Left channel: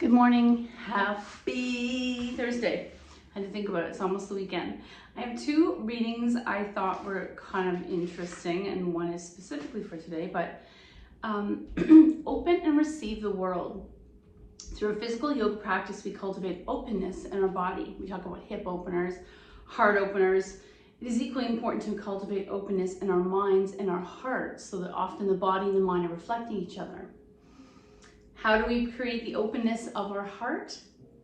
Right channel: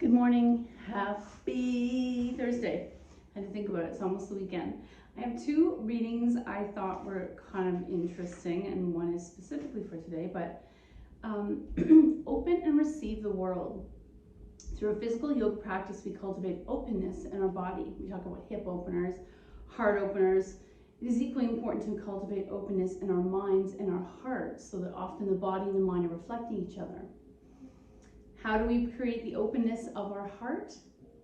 Good morning. Happy Thursday. I had to think about it. It's almost the weekend. I have two readings I thought were kind of interesting, and one is specifically for today, but open and receive the world. Through a physical yoga practice, we cultivate openness in our body. We talk about hip openers, heart openers. It is equally important to cultivate openness in our minds and our hearts so that often the body and the mind are reflecting each other. How do we create the openness of our heart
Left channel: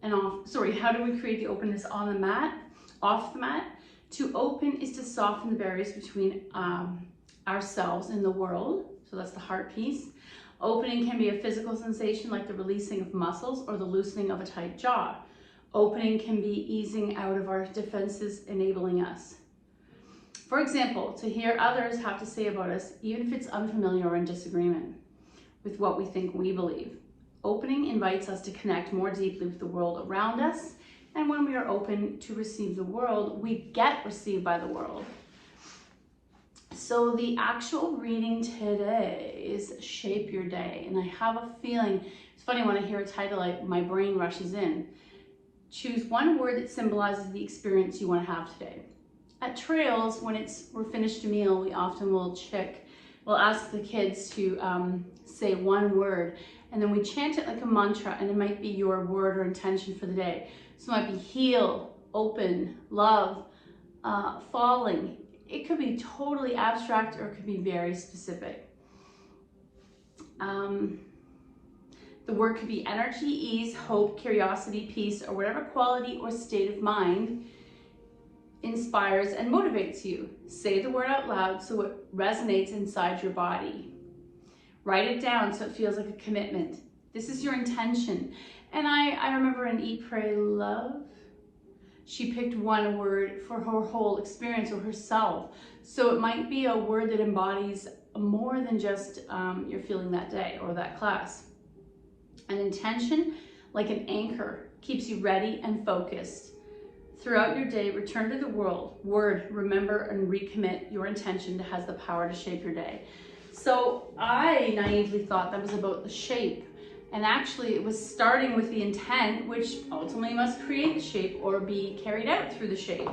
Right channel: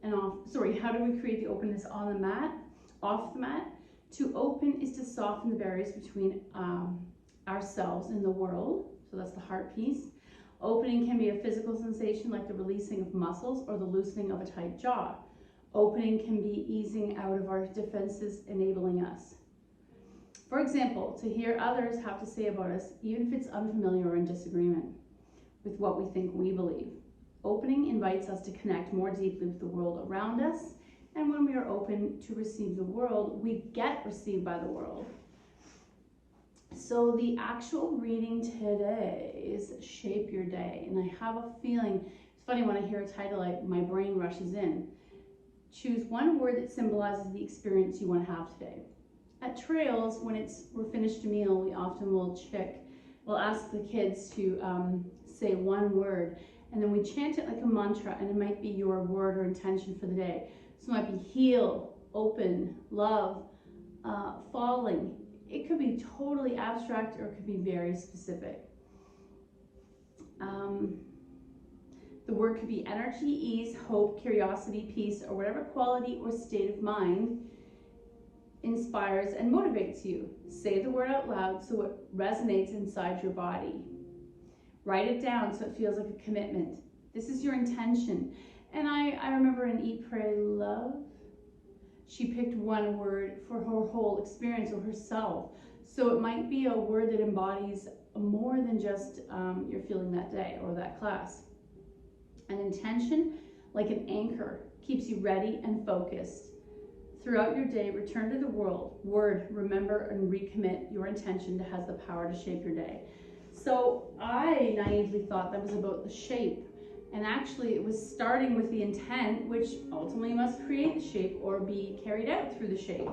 and how do we create the openness on the mat, off the mat? To open is to soften the barriers between ourselves and the world. So that's the heart piece. Opening can be a physical sensation like the releasing of muscles or the loosening of a tight jaw. Opening can be easing out of our defenses, enabling us. For example, to hear others have to say about us, even if it's unfamiliar or in disagreement with what we think we believe. Opening invites us to connect more deeply with the world around us, and when we are open to receive the world, we get received by the world. So the actual reading today is Shape Your Day, and I have a feeling, it's funny when I hear a title, my brain rushes in. Choose one word that symbolizes the experience you want to have today. At Trails, when we're finished a meal, we often will ask the kids to say one word, and then we chant it like a mantra, and it might be your word or intention for the day. So it might be heal, open, love, falling. It could be totally abstract or it could be very specific. The word could be energy, ease, hope, curiosity, peace, or whatever quality or state of mind inspires and motivates you. Say the word out loud so it resonates inside your body. Write it down so it feels like a commitment. This is your intention. And I remember in Eat, Pray, Love, she picked one word for her whole experience or herself. So it might be a word that embodies more than just your feeling that day or that class. An intention, like an anchor, keeps you ready and focused. Throughout your day, return to the word, remember and recommit your intention that has the power to shape your day. So I naively thought that was about the shape. And actually it was starting with the intent, which ultimately must create the shape or be carried out through the shape.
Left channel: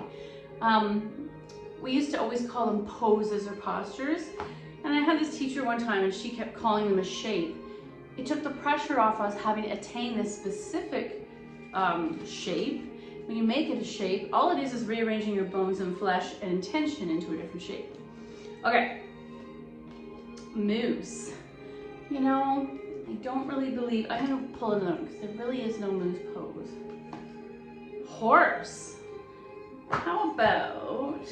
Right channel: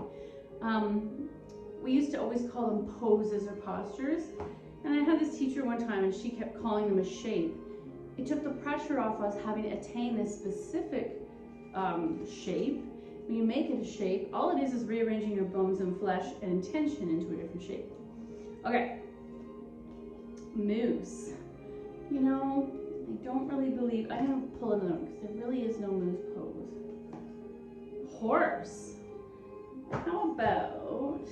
We used to always call them poses or postures. And I had this teacher one time and she kept calling them a shape. It took the pressure off us having to attain this specific shape. When you make it a shape, all it is rearranging your bones and flesh and intention into a different shape. Okay, moose. You know, I don't really believe, I'm gonna pull another one because there really is no moose pose. Horse. How about,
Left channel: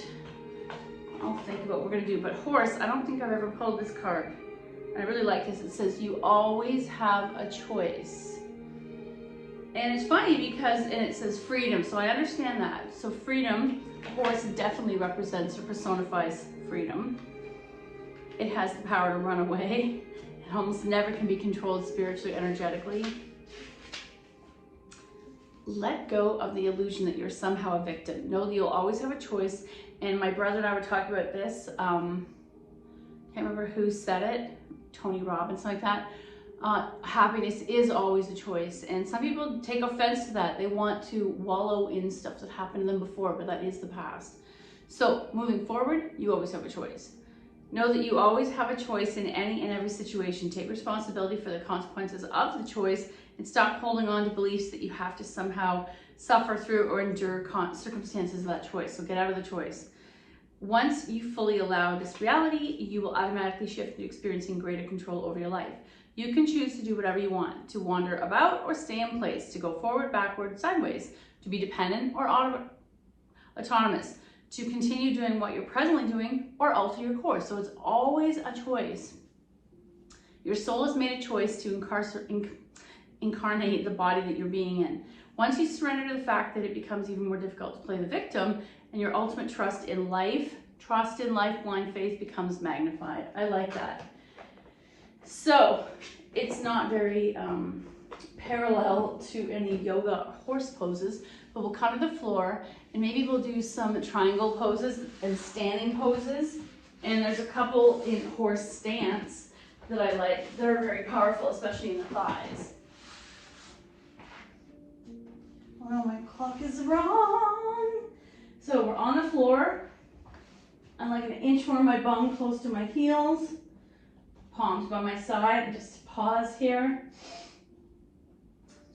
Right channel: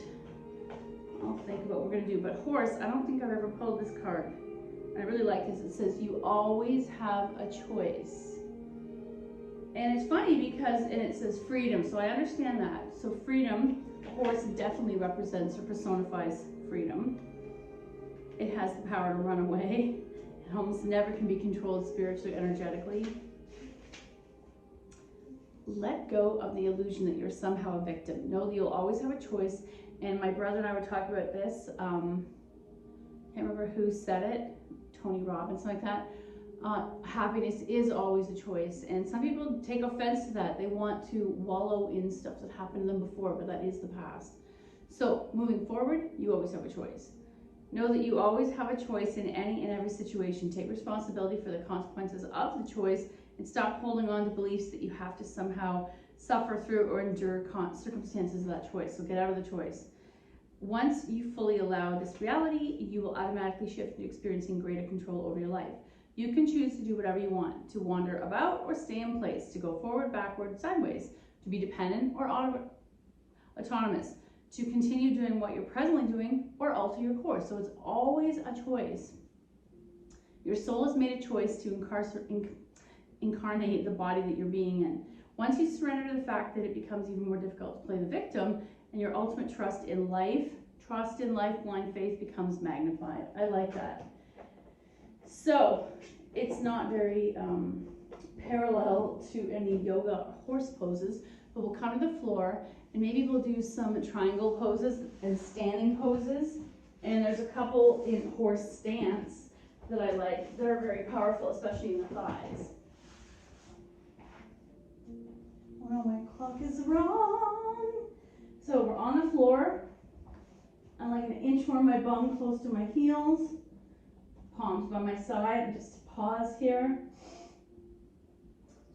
I'll think about what we're gonna do, but horse, I don't think I've ever pulled this card. I really like this. It says, you always have a choice. And it's funny because, and it says freedom, so I understand that. So freedom, horse definitely represents or personifies freedom. It has the power to run away. It almost never can be controlled spiritually, energetically. Let go of the illusion that you're somehow a victim. Know that you'll always have a choice. And my brother and I were talking about this. Can't remember who said it, Tony Robbins, something like that. Happiness is always a choice, and some people take offense to that. They want to wallow in stuff that happened to them before, but that is the past. So moving forward, you always have a choice. Know that you always have a choice in any and every situation. Take responsibility for the consequences of the choice and stop holding on to beliefs that you have to somehow suffer through or endure circumstances of that choice. So get out of the choice. Once you fully allow this reality, you will automatically shift to experiencing greater control over your life. You can choose to do whatever you want, to wander about or stay in place, to go forward, backward, sideways, to be dependent or autonomous, to continue doing what you're presently doing or alter your course. So it's always a choice. Your soul has made a choice to incarnate the body that you're being in. Once you surrender to the fact that it becomes even more difficult to play the victim and your ultimate trust in life, blind faith becomes magnified. I like that. So it's not very parallel to any yoga horse poses, but we'll come to the floor and maybe we'll do some triangle poses and standing poses. And there's a couple in horse stance that I like that are very powerful, especially in the thighs. clock is wrong. So we're on the floor. I'm like an inch from my bum, close to my heels. Palms by my side, and just pause here.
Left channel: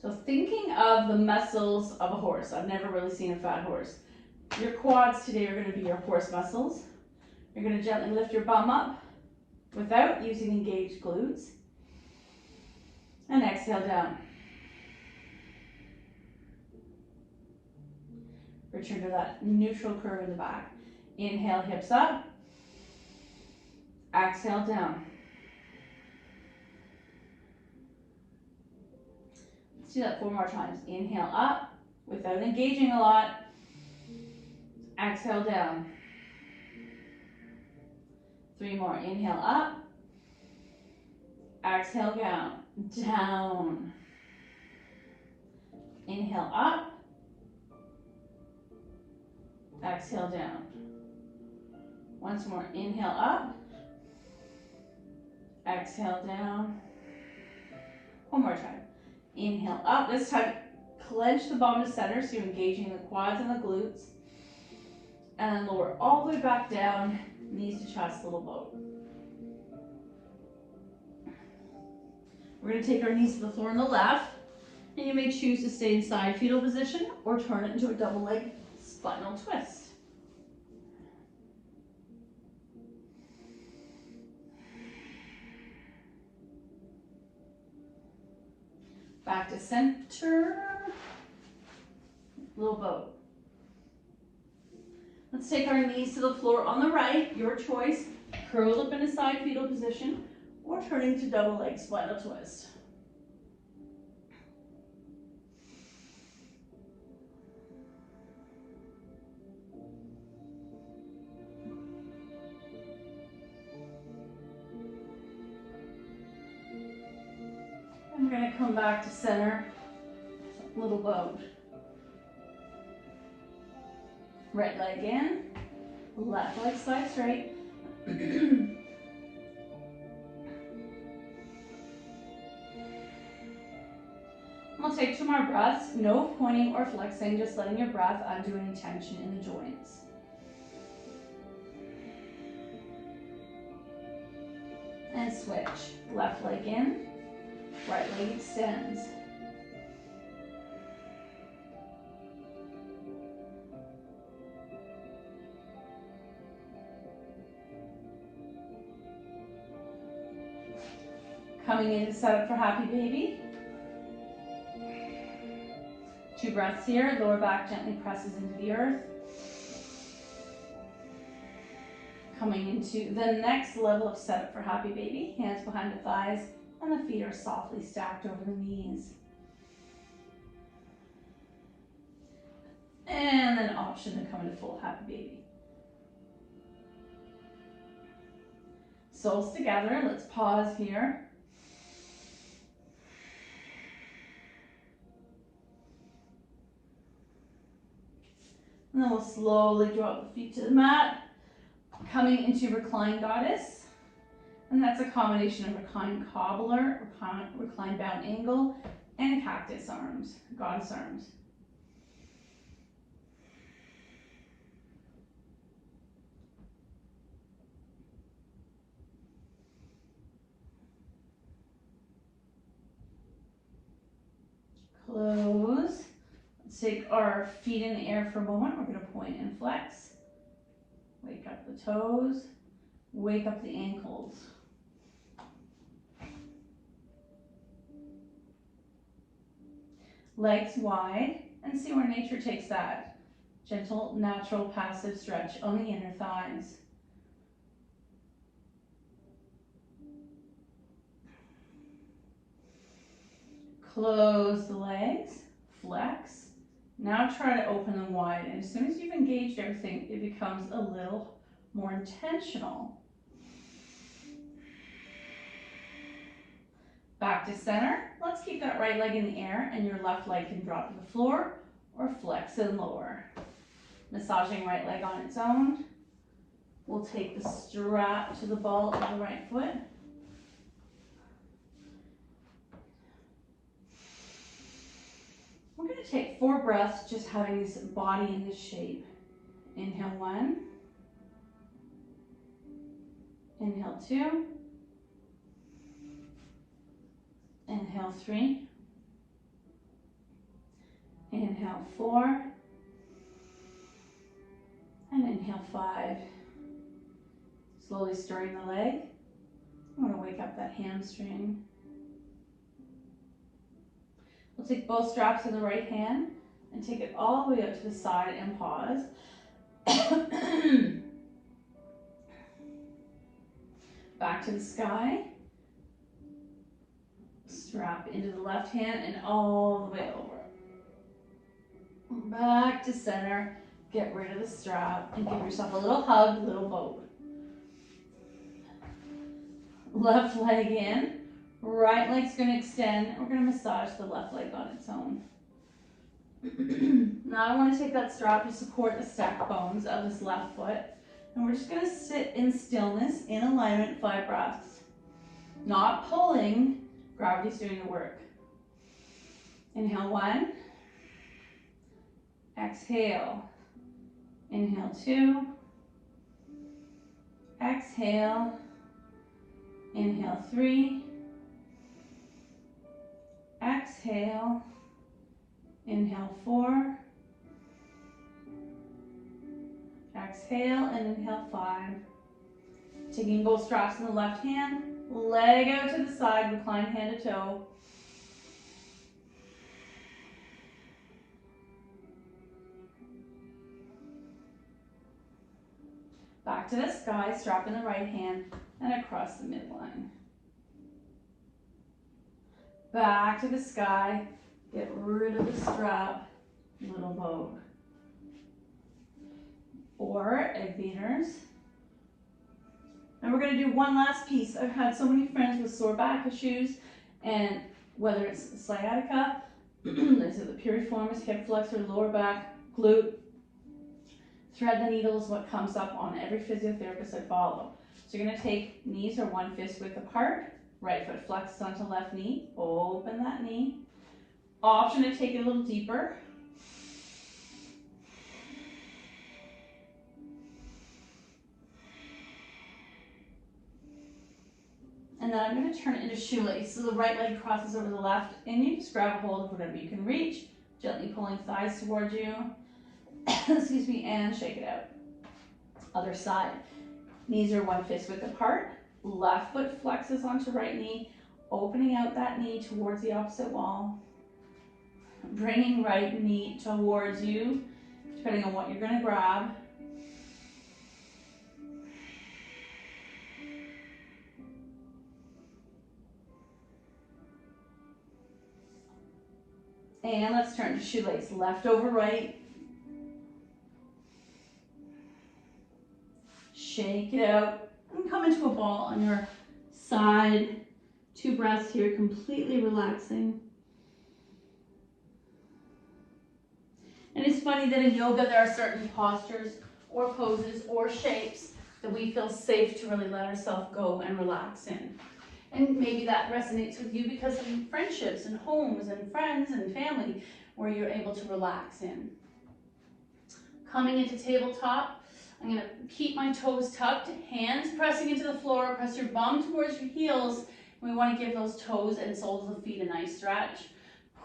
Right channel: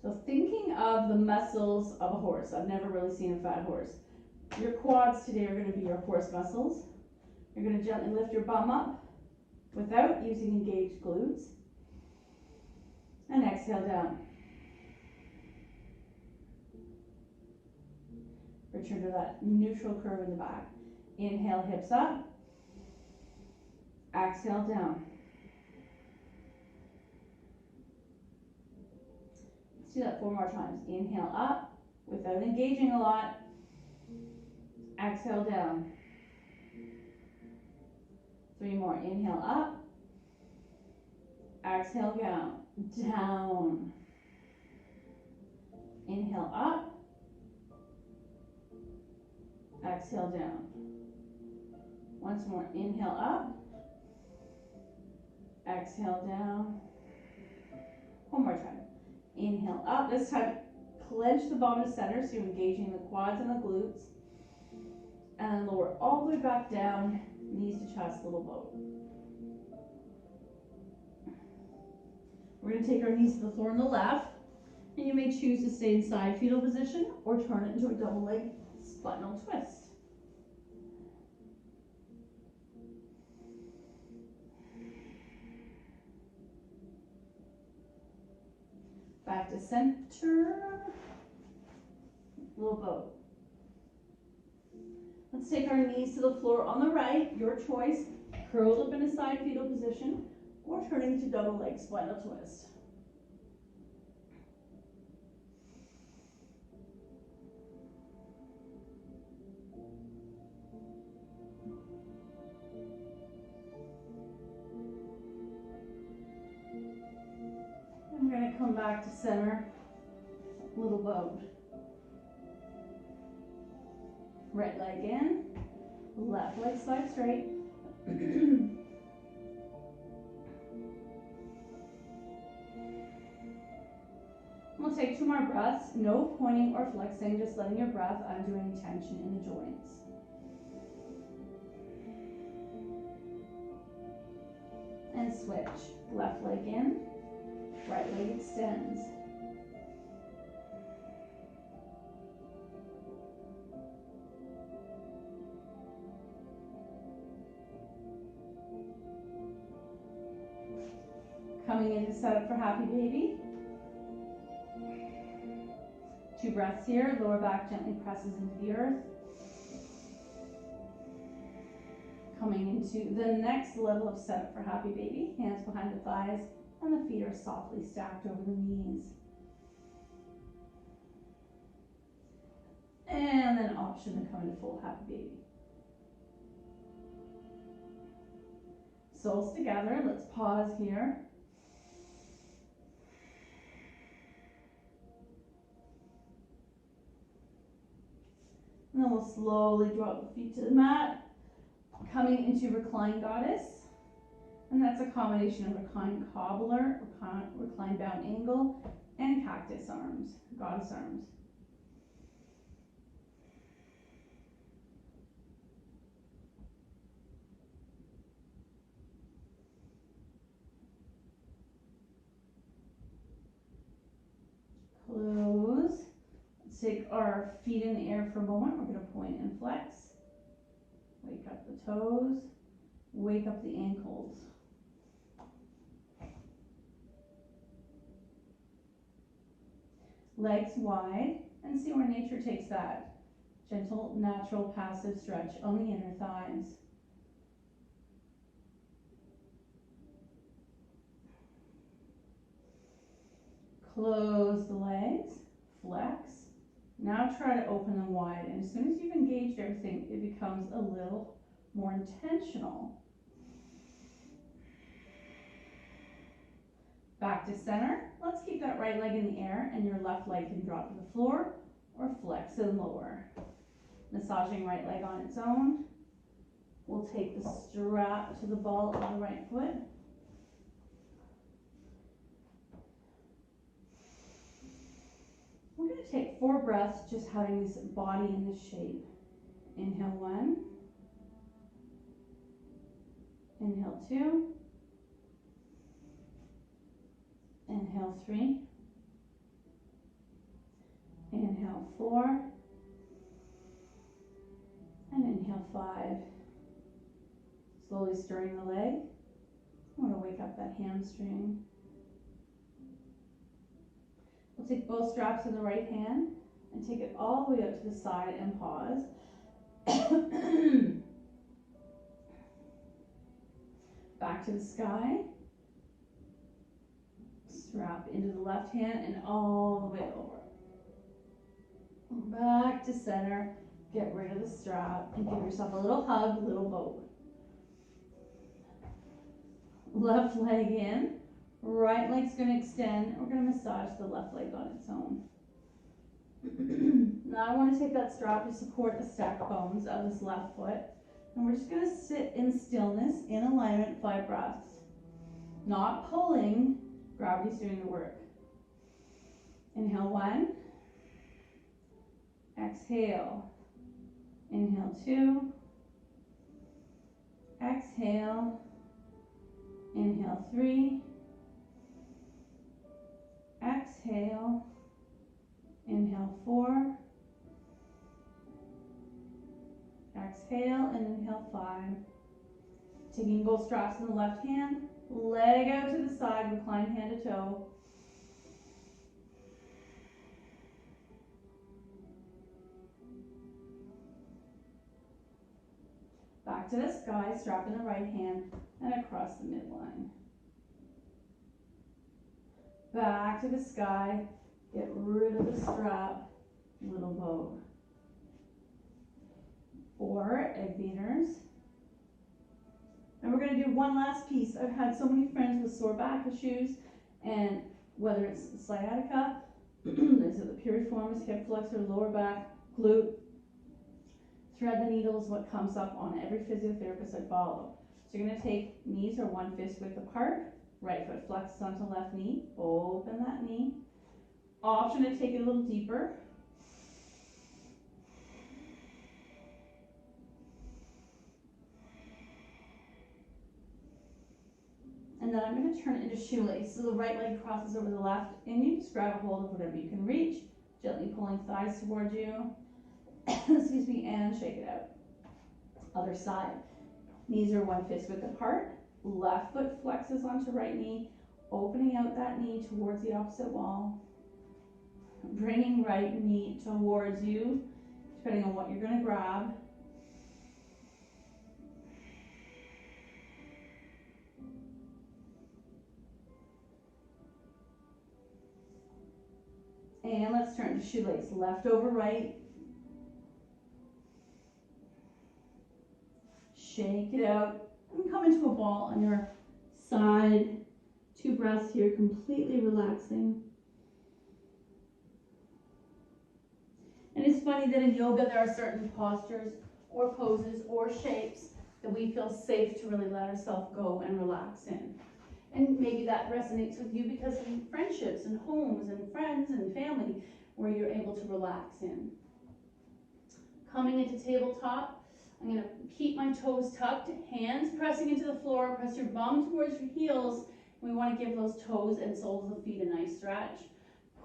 So thinking of the muscles of a horse. I've never really seen a fat horse. Your quads today are going to be your horse muscles. You're going to gently lift your bum up without using engaged glutes. And exhale down. Return to that neutral curve in the back. Inhale, hips up. Exhale, down. Let's do that 4 more times. Inhale up without engaging a lot. Exhale, down. 3 more. Inhale up. Exhale, down. Down. Inhale up. Exhale, down. Once more. Inhale up. Exhale, down. 1 more time. Inhale up. This time, clench the bottom to center, so you're engaging the quads and the glutes. And then lower all the way back down, knees to chest, little boat. We're going to take our knees to the floor on the left, and you may choose to stay in side fetal position or turn it into a double leg spinal twist. Back to center, little boat. Let's take our knees to the floor on the right, your choice, curled up in a side fetal position or turning to double leg spinal twist. And we're going to come back to center, little boat. Right leg in, left leg side straight. We'll take 2 more breaths, no pointing or flexing, just letting your breath undo any tension in the joints. And switch, left leg in, right leg extends. Coming in to set up for happy baby. 2 breaths here, lower back gently presses into the earth. Coming into the next level of setup for happy baby. Hands behind the thighs and the feet are softly stacked over the knees. And then option to come into full happy baby. Soles together, let's pause here. And then we'll slowly drop the feet to the mat, coming into reclined goddess. And that's a combination of reclined cobbler, reclined bound angle, and cactus arms, goddess arms. Close. Let's take our feet in the air for a moment. We're going to point and flex. Wake up the toes. Wake up the ankles. Legs wide, and see where nature takes that. Gentle, natural, passive stretch on the inner thighs. Close the legs, flex. Now try to open them wide, and as soon as you've engaged everything, it becomes a little more intentional. Back to center. Let's keep that right leg in the air, and your left leg can drop to the floor or flex and lower. Massaging right leg on its own. We'll take the strap to the ball of the right foot. We're going to take 4 breaths, just having this body in this shape. Inhale 1. Inhale 2. Inhale 3. Inhale 4. And inhale 5. Slowly stirring the leg. I want to wake up that hamstring. We'll take both straps in the right hand and take it all the way out to the side and pause. Back to the sky. Strap into the left hand and all the way over. Back to center. Get rid of the strap and give yourself a little hug, little boat. Left leg in. Right leg's going to extend. We're going to massage the left leg on its own. Now I want to take that strap to support the stacked bones of this left foot. And we're just going to sit in stillness, in alignment, 5 breaths. Not pulling, gravity's doing the work. Inhale 1. Exhale. Inhale 2. Exhale. Inhale 3. Exhale. Inhale 4. Exhale and inhale 5. Taking both straps in the left hand, leg out to the side, recline hand to toe. Back to the sky, strap in the right hand and across the midline. Back to the sky, get rid of the strap, little boat. Or egg beaters. And we're going to do one last piece. I've had so many friends with sore back issues, and whether it's sciatica, they say the piriformis, hip flexor, lower back, glute, thread the needle is what comes up on every physiotherapist I follow. So you're going to take knees are 1 fist width apart, right foot flexes onto left knee, open that knee. Option to take it a little deeper. And then I'm going to turn it into shoelace. So the right leg crosses over the left, and you just grab a hold of whatever you can reach, gently pulling thighs towards you. Excuse me, and shake it out. Other side. Knees are 1 fist width apart. Left foot flexes onto right knee, opening out that knee towards the opposite wall. Bringing right knee towards you, depending on what you're going to grab. And let's turn to shoelace. Left over right. Shake it out. And come into a ball on your side. 2 breaths here, completely relaxing. And it's funny that in yoga there are certain postures or poses or shapes that we feel safe to really let ourselves go and relax in. And maybe that resonates with you because of friendships and homes and friends and family where you're able to relax in. Coming into tabletop, I'm going to keep my toes tucked, hands pressing into the floor, press your bum towards your heels. We want to give those toes and soles of the feet a nice stretch.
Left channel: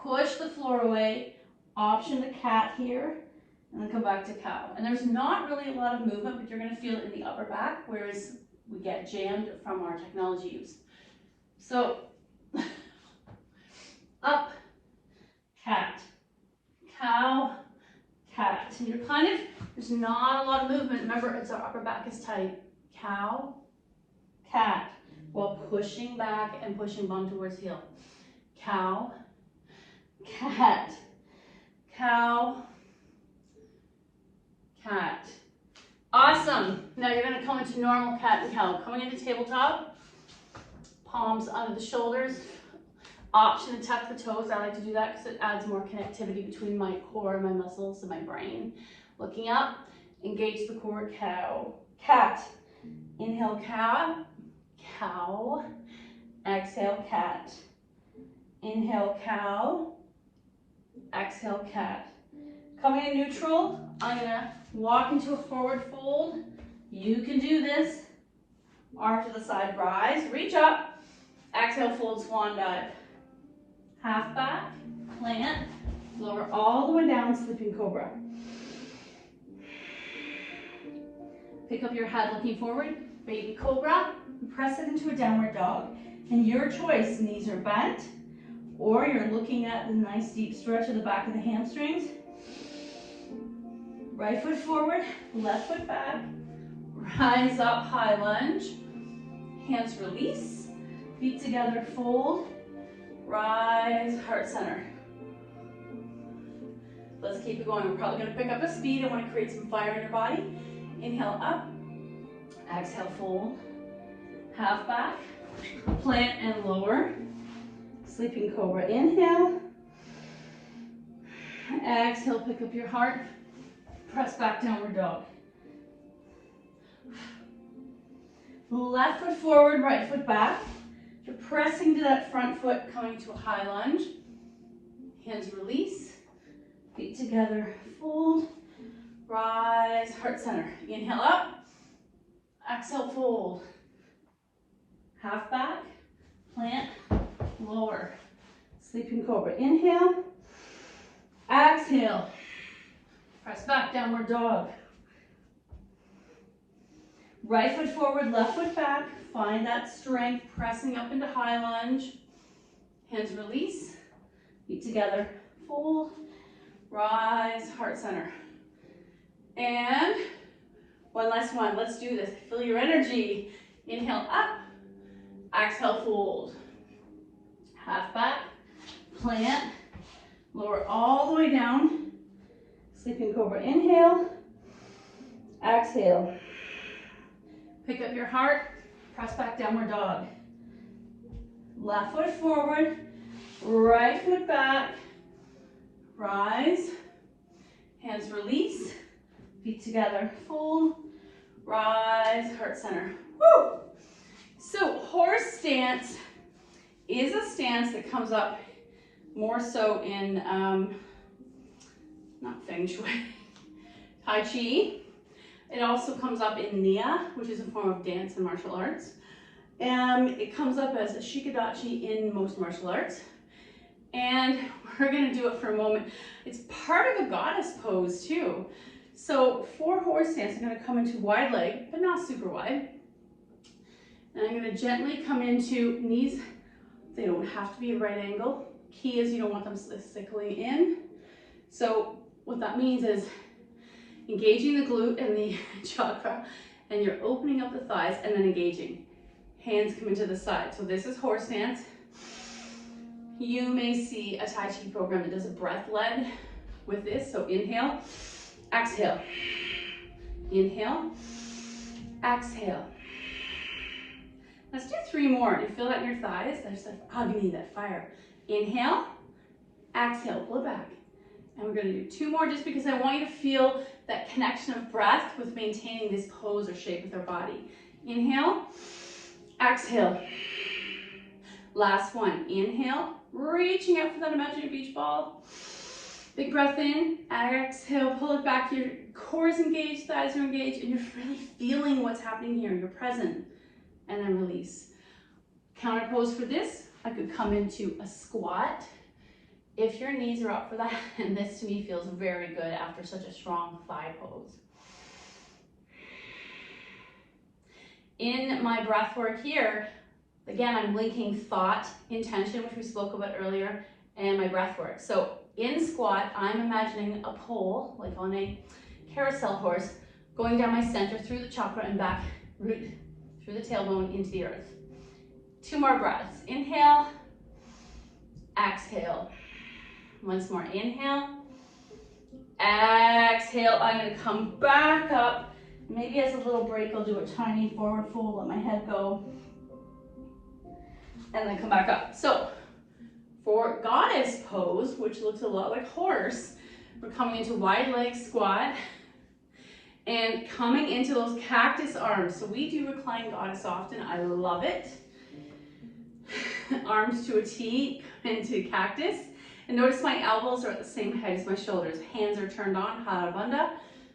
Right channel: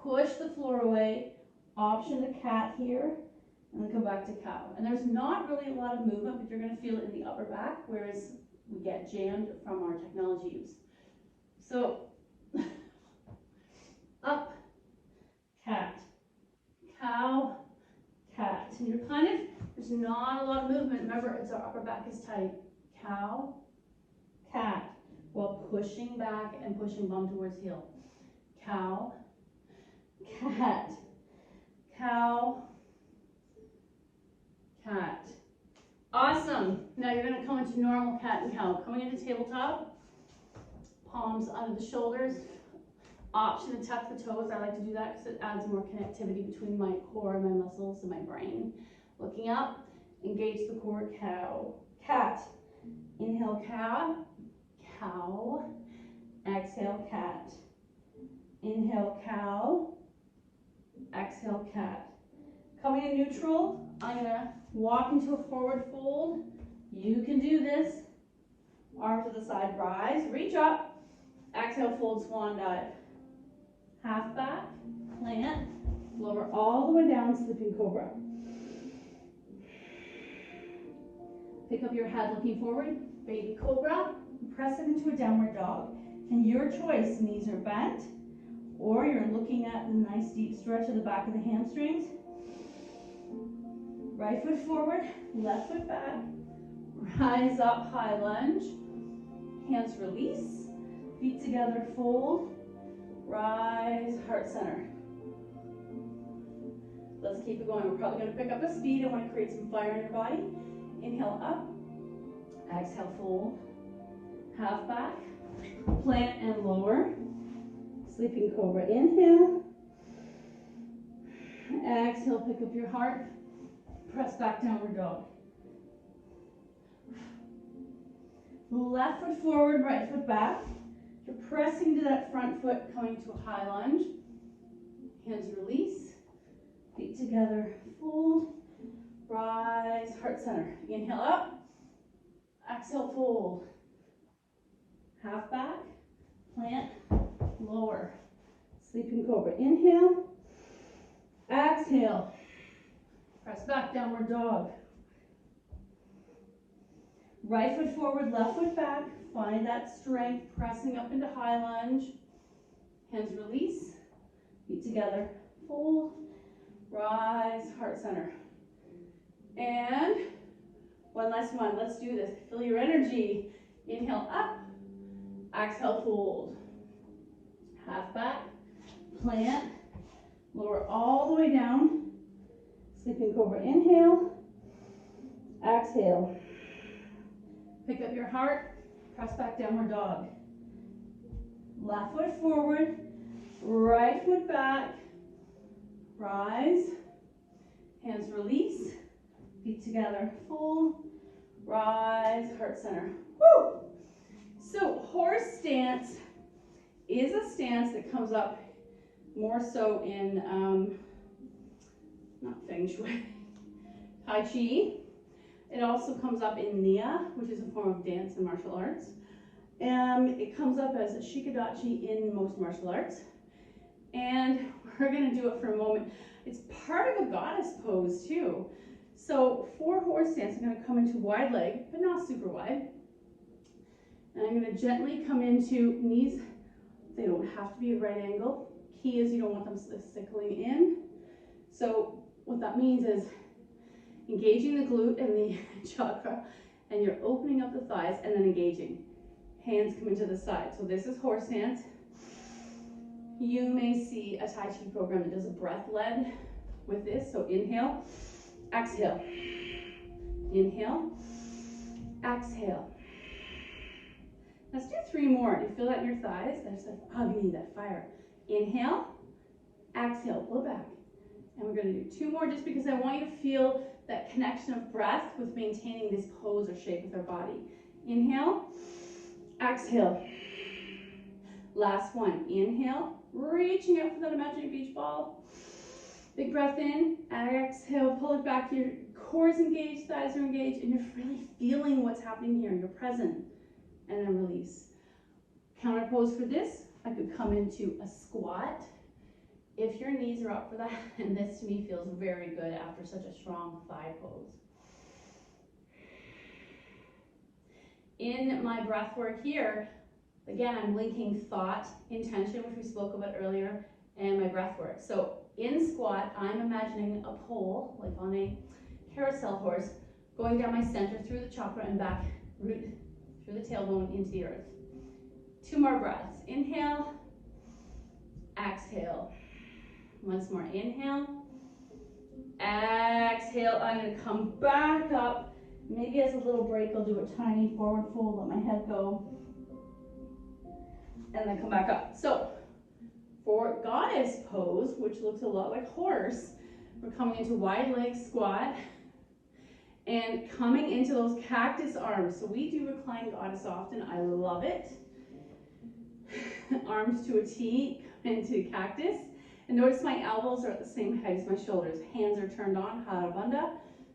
Push the floor away, option the cat here, and then come back to cow. And there's not really a lot of movement, but you're going to feel it in the upper back, whereas we get jammed from our technology use. So, up, cat, cow, cat. And you're kind of, there's not a lot of movement. Remember, it's our upper back is tight. Cow, cat, while pushing back and pushing bum towards heel. Cow, cat, cow, cat. Awesome. Now you're going to come into normal cat and cow. Coming into tabletop. Palms under the shoulders. Option to tuck the toes. I like to do that because it adds more connectivity between my core, my muscles, and my brain. Looking up, engage the core, cow, cat. Inhale, cow, cow. Exhale, cat. Inhale, cow. Exhale. exhale, cat. Coming in neutral, I'm gonna walk into a forward fold. You can do this. Arm to the side, rise, reach up. Exhale, fold, swan dive. Half back, plant, lower all the way down, sleeping cobra. Pick up your head looking forward, baby cobra, and press it into a downward dog. And your choice, knees are bent, or you're looking at the nice deep stretch of the back of the hamstrings. Right foot forward, left foot back, rise up, high lunge, hands release, feet together, fold, rise, heart center. Let's keep it going. We're probably going to pick up the speed. I want to create some fire in your body. Inhale up, exhale, fold, half back, plant and lower, sleeping cobra. Inhale, exhale, pick up your heart, press back, downward dog. Left foot forward, right foot back. You're pressing to that front foot, coming to a high lunge. Hands release, feet together, fold, rise, heart center. Inhale up, exhale, fold. Half back, plant, lower. Sleeping cobra. Inhale, exhale, press back, downward dog. Right foot forward, left foot back. Find that strength, pressing up into high lunge. Hands release, feet together, fold, rise, heart center. And one last one. Let's do this. Feel your energy. Inhale up, exhale, fold. Half back, plant, lower all the way down. Sleeping cobra. Inhale, exhale. Pick up your heart, press back, downward dog. Left foot forward, right foot back, rise, hands release, feet together, fold, rise, heart center. Woo! So horse stance is a stance that comes up more so in, not Feng Shui, Tai Chi. It also comes up in Nia, which is a form of dance and martial arts. It comes up as a shikadachi in most martial arts. And we're gonna do it for a moment. It's part of a goddess pose too. So for horse stance, I'm gonna come into wide leg, but not super wide. And I'm gonna gently come into knees. They don't have to be a right angle. Key is you don't want them sickling in. So what that means is engaging the glute and the chakra, and you're opening up the thighs and then engaging. Hands come into the side. So this is horse stance. You may see a Tai Chi program that does a breath led with this. So inhale, exhale. Inhale, exhale. Let's do 3 more. Do you feel that in your thighs? There's that agni, that fire. Inhale, exhale, pull it back. And we're gonna do 2 more just because I want you to feel that connection of breath with maintaining this pose or shape with our body. Inhale, exhale. Last one, inhale, reaching out for that imaginary beach ball. Big breath in, exhale, pull it back. Your core is engaged, thighs are engaged, and you're really feeling what's happening here. You're present. And then release. Counter pose for this, I could come into a squat. If your knees are up for that, and this to me feels very good after such a strong thigh pose. In my breath work here, again, I'm linking thought, intention, which we spoke about earlier, and my breath work. So in squat, I'm imagining a pole, like on a carousel horse, going down my center through the chakra and back, root through the tailbone into the earth. 2 more breaths. Inhale, exhale. Once more, inhale, exhale. I'm gonna come back up. Maybe as a little break, I'll do a tiny forward fold, let my head go, and then come back up. So for goddess pose, which looks a lot like horse, we're coming into wide leg squat and coming into those cactus arms. So we do recline goddess often. I love it. Arms to a T into cactus. And notice my elbows are at the same height as my shoulders. Hands are turned on,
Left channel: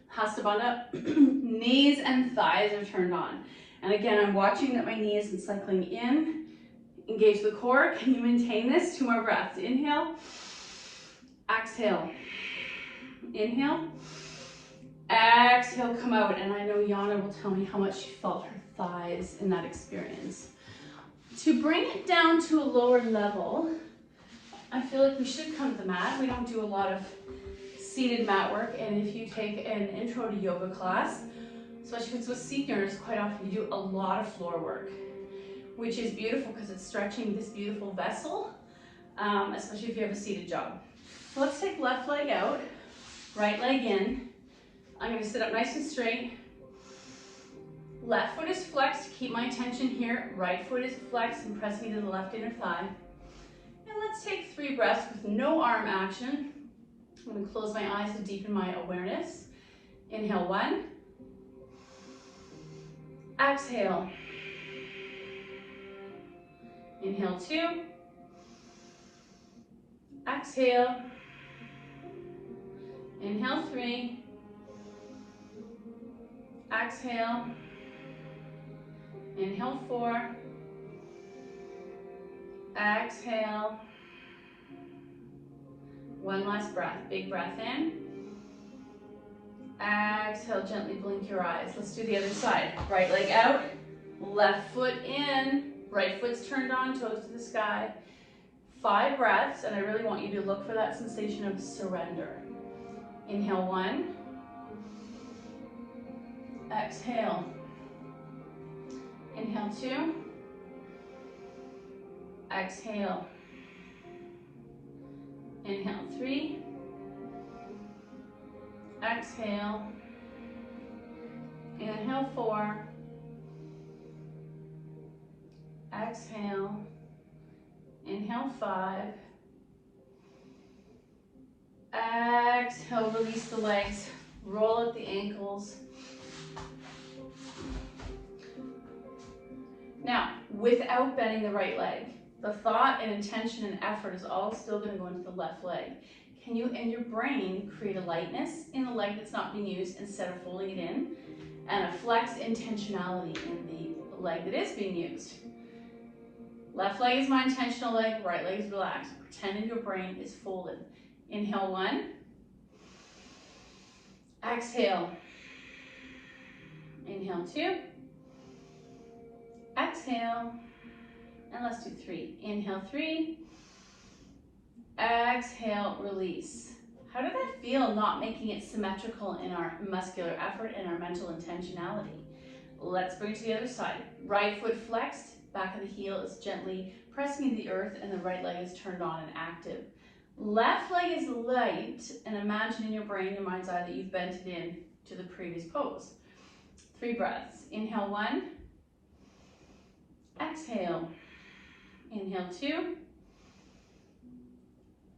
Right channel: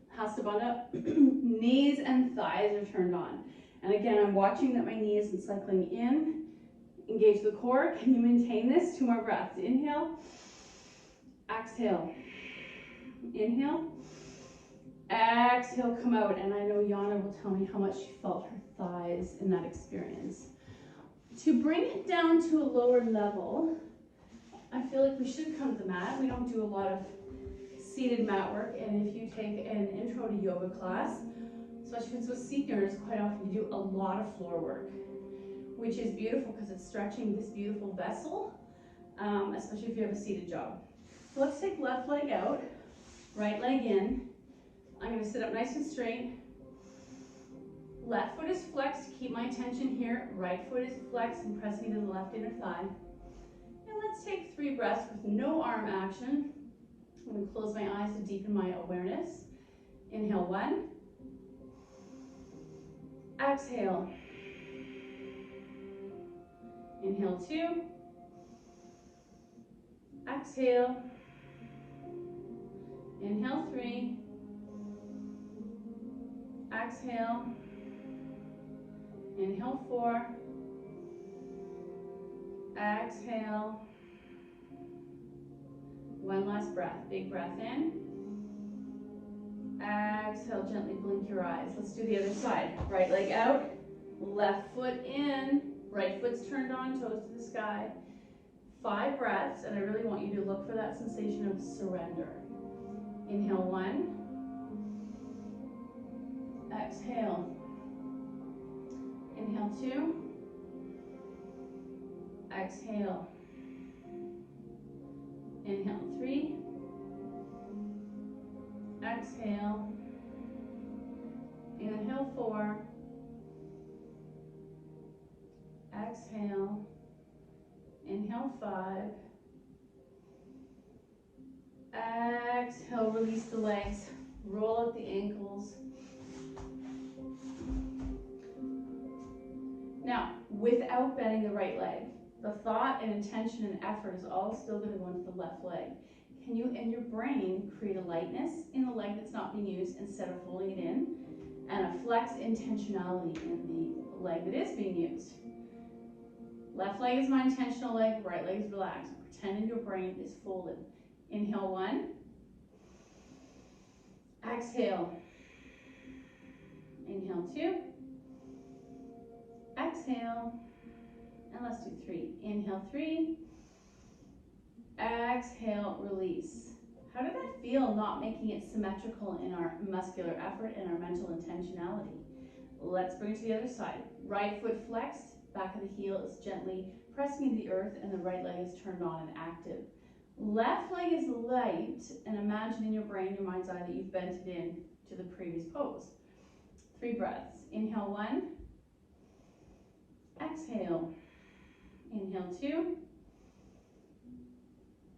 Hasta Bandha. Knees and thighs are turned on. And again, I'm watching that my knee isn't cycling in. Engage the core. Can you maintain this? 2 more breaths. Inhale. Exhale. Inhale. Exhale, come out. And I know Yana will tell me how much she felt her thighs in that experience. To bring it down to a lower level, I feel like we should come to the mat. We don't do a lot of seated mat work. And if you take an intro to yoga class, especially if it's with seniors, quite often you do a lot of floor work, which is beautiful because it's stretching this beautiful vessel, especially if you have a seated job. So let's take left leg out, right leg in. I'm going to sit up nice and straight. Left foot is flexed to keep my attention here. Right foot is flexed and pressing into the left inner thigh. And let's take 3 breaths with no arm action. I'm going to close my eyes to deepen my awareness. Inhale 1. Exhale. Inhale 2. Exhale. Inhale 3. Exhale. Inhale 4. Exhale. 1 last breath. Big breath in. Exhale, gently blink your eyes. Let's do the other side. Right leg out, left foot in, right foot's turned on, toes to the sky. 5 breaths, and I really want you to look for that sensation of surrender. Inhale 1. Exhale. Inhale 2. Exhale. Inhale 3. Exhale. Inhale 4. Exhale. Inhale 5. Exhale, release the legs. Roll at the ankles. Now, without bending the right leg, the thought and intention and effort is all still going to go into the left leg. Can you, in your brain, create a lightness in the leg that's not being used instead of holding it in, and a flex intentionality in the leg that is being used? Left leg is my intentional leg, right leg is relaxed. Pretend in your brain is folded. Inhale 1. Exhale. Inhale 2. Exhale. And let's do 3. Inhale 3. Exhale, release. How did that feel, not making it symmetrical in our muscular effort and our mental intentionality? Let's bring it to the other side. Right foot flexed, back of the heel is gently pressing into the earth, and the right leg is turned on and active. Left leg is light, and imagine in your brain, your mind's eye, that you've bent it in to the previous pose. 3 breaths. Inhale 1. Exhale. Inhale 2.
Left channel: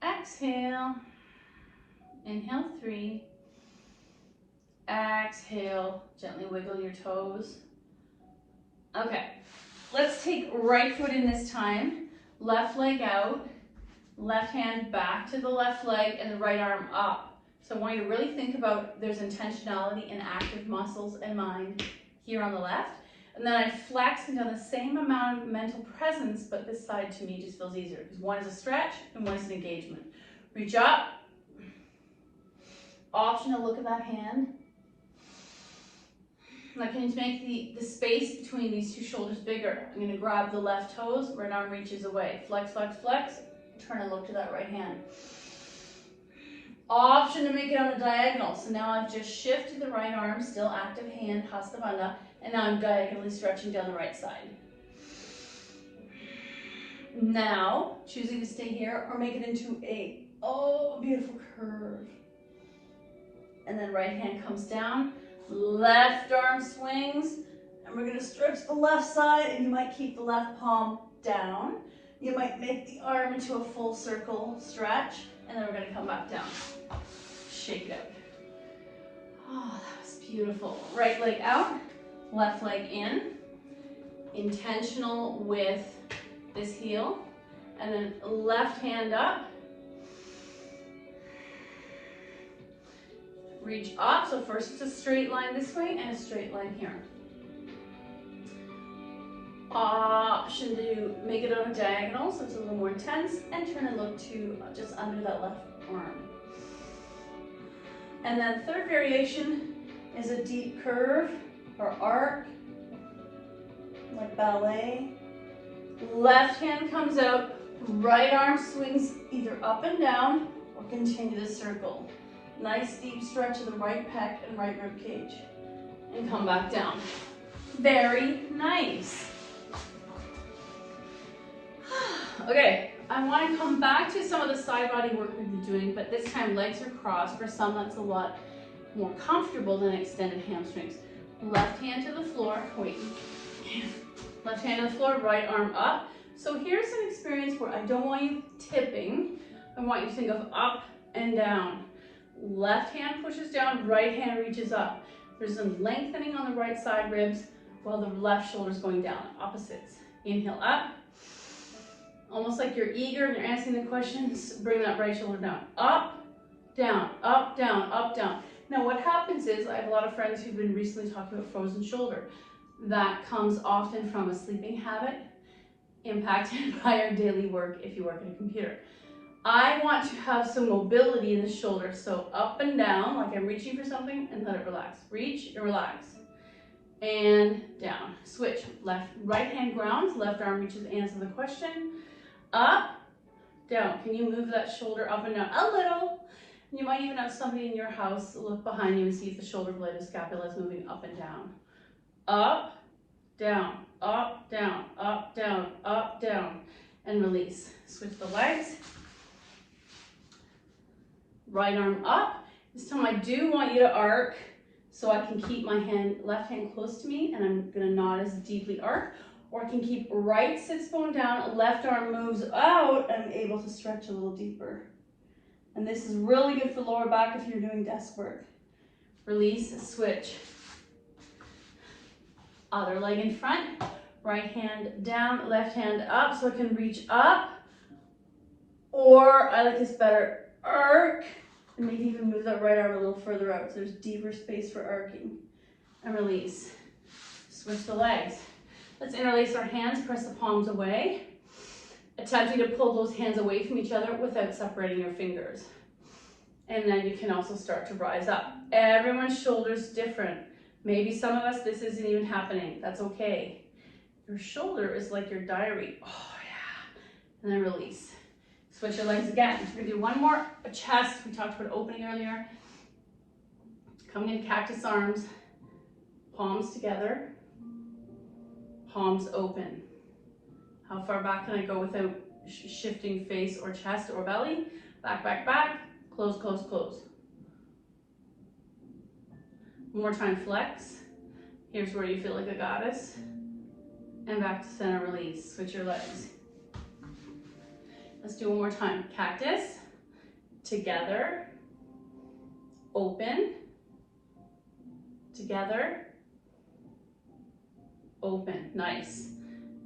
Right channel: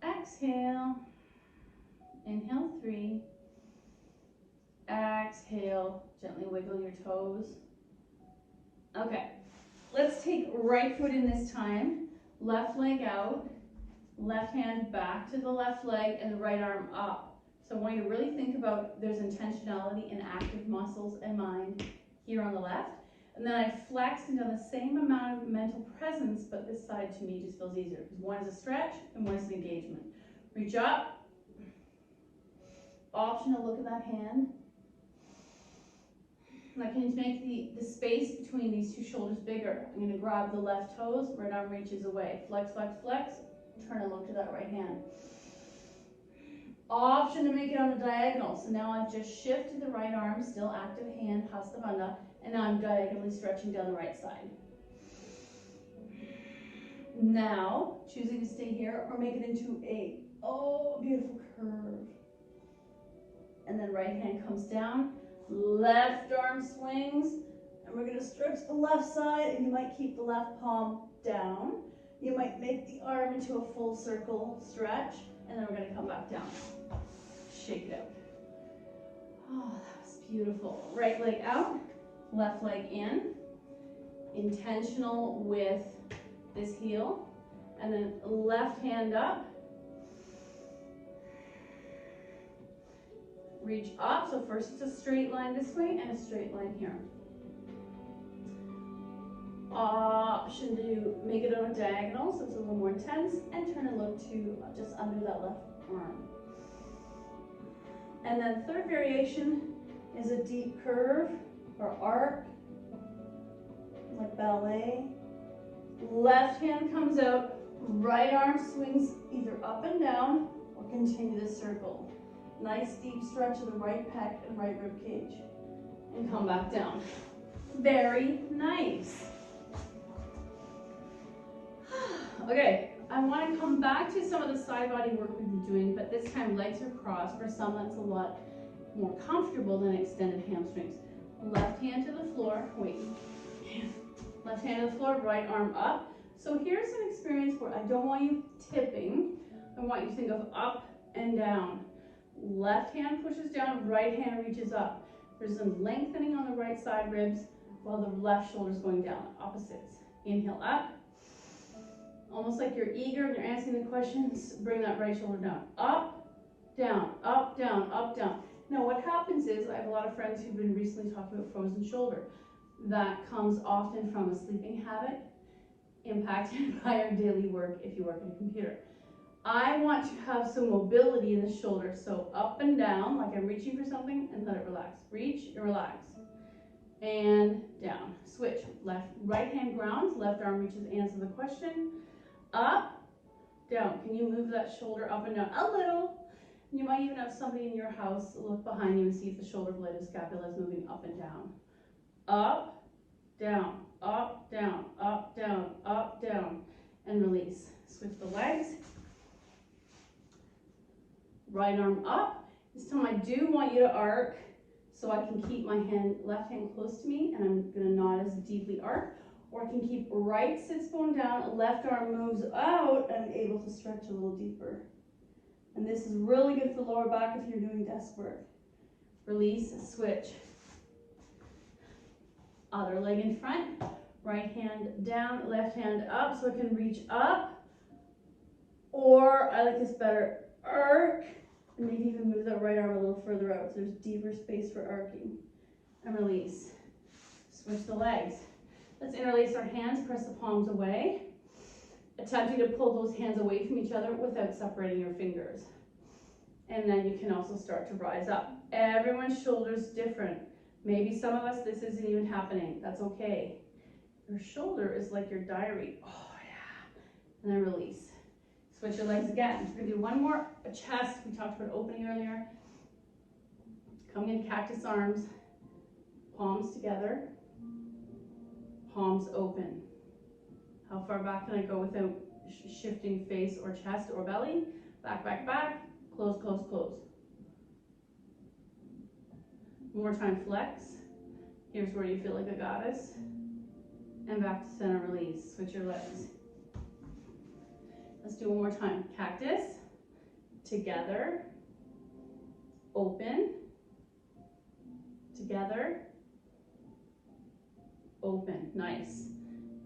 Exhale. Inhale 3. Exhale. Gently wiggle your toes. Okay. Let's take right foot in this time. Left leg out. Left hand back to the left leg and the right arm up. So I want you to really think about there's intentionality and active muscles and mind here on the left. And then I flexed and done the same amount of mental presence, but this side to me just feels easier because one is a stretch and one is an engagement. Reach up. Optional look at that hand. Now can you make the space between these 2 shoulders bigger? I'm going to grab the left toes, right arm reaches away. Flex, flex, flex. Turn and look to that right hand. Option to make it on a diagonal. So now I've just shifted the right arm, still active hand, Hasta Bandha, and now I'm diagonally stretching down the right side. Now, choosing to stay here or make it into a beautiful curve. And then right hand comes down, left arm swings, and we're going to stretch the left side, and you might keep the left palm down. You might make the arm into a full circle stretch, and then we're going to come back down. Shake it out. Oh, that was beautiful. Right leg out, left leg in. Intentional with this heel. And then left hand up. Reach up, so first it's a straight line this way and a straight line here. Option to make it on a diagonal, so it's a little more intense, and turn and look to just under that left arm. And then third variation is a deep curve or arc, like ballet. Left hand comes out, right arm swings either up and down or continue the circle. Nice deep stretch of the right pec and right rib cage. And come back down. Very nice. Okay, I want to come back to some of the side body work we've been doing, but this time legs are crossed. For some, that's a lot more comfortable than extended hamstrings. Left hand to the floor, wait. Left hand to the floor, right arm up. So here's an experience where I don't want you tipping. I want you to think of up and down. Left hand pushes down, right hand reaches up. There's a lengthening on the right side ribs while the left shoulder is going down, opposites. Inhale up. Almost like you're eager and you're answering the questions, bring that right shoulder down. Up, down, up, down, up, down. Now what happens is, I have a lot of friends who've been recently talking about frozen shoulder. That comes often from a sleeping habit impacted by our daily work if you work at a computer. I want to have some mobility in the shoulder, so up and down, like I'm reaching for something, and let it relax. Reach and relax. And down. Switch. Right hand grounds, left arm reaches, answer the question. Up, down. Can you move that shoulder up and down a little? You might even have somebody in your house look behind you and see if the shoulder blade or scapula is moving up and down. Up, down, up, down, up, down, up, down, and release. Switch the legs. Right arm up. This time I do want you to arc so I can keep my left hand close to me, and I'm gonna not as deeply arc, or I can keep right sits bone down, left arm moves out, and I'm able to stretch a little deeper. And this is really good for lower back if you're doing desk work. Release, switch. Other leg in front, right hand down, left hand up, so I can reach up, or I like this better, arc, and maybe even move that right arm a little further out so there's deeper space for arcing. And release. Switch the legs. Let's interlace our hands, press the palms away, attempting to pull those hands away from each other without separating your fingers. And then you can also start to rise up. Everyone's shoulder's different. Maybe some of us, this isn't even happening. That's okay. Your shoulder is like your diary. Oh yeah. And then release. Switch your legs again. We're gonna do one more, a chest. We talked about opening earlier. Coming into cactus arms, palms together, palms open. How far back can I go without shifting face or chest or belly? Back, back, back, close, close, close. One more time, flex. Here's where you feel like a goddess. And back to center, release. Switch your legs. Let's do one more time. Cactus, together, open, together, open. Nice.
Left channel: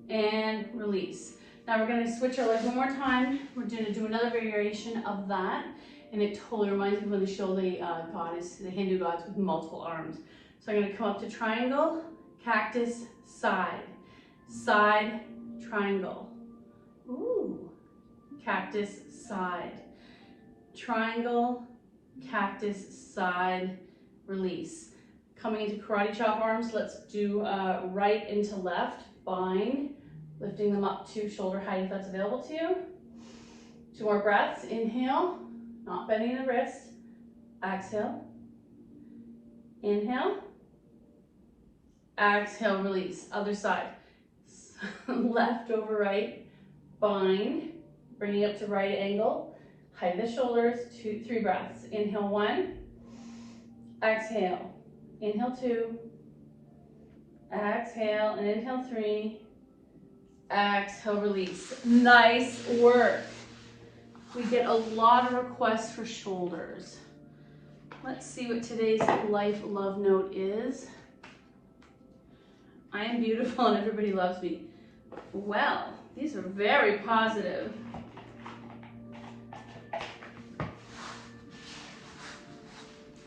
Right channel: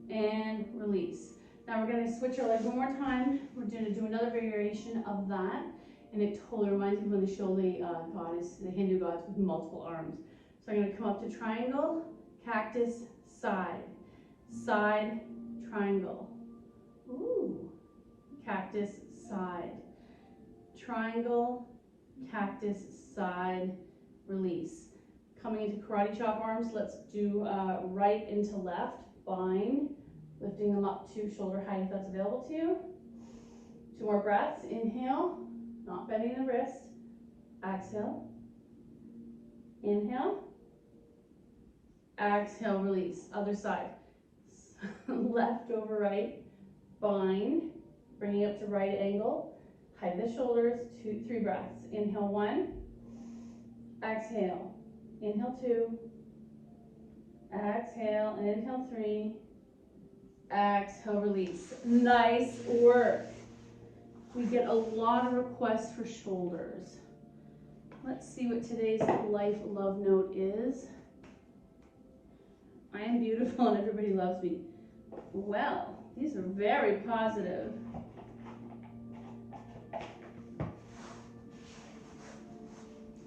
And release. Now we're going to switch our legs one more time. We're going to do another variation of that. And it totally reminds me when they show the goddess, the Hindu gods with multiple arms. So I'm going to come up to triangle, cactus, side, side, triangle. Ooh. Cactus, side, triangle, cactus, side, release. Coming into karate chop arms, let's do right into left, bind, lifting them up to shoulder height if that's available to you. 2 more breaths, inhale, not bending the wrist, exhale, inhale, exhale, release. Other side, left over right, bind, bringing up to right angle, height of the shoulders, 2, 3 breaths. Inhale 1, exhale, inhale 2, exhale, and inhale 3, exhale, release. Nice work. We get a lot of requests for shoulders. Let's see what today's life love note is. I am beautiful and everybody loves me. Well, these are very positive.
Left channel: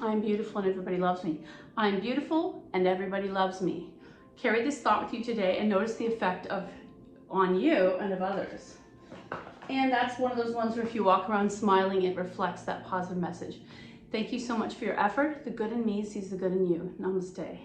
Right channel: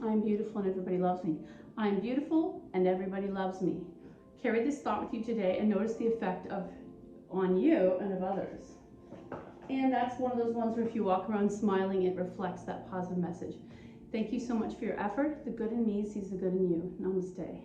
I'm beautiful and everybody loves me. I'm beautiful and everybody loves me. Carry this thought with you today and notice the effect on you and of others. And that's one of those ones where if you walk around smiling, it reflects that positive message. Thank you so much for your effort. The good in me sees the good in you. Namaste.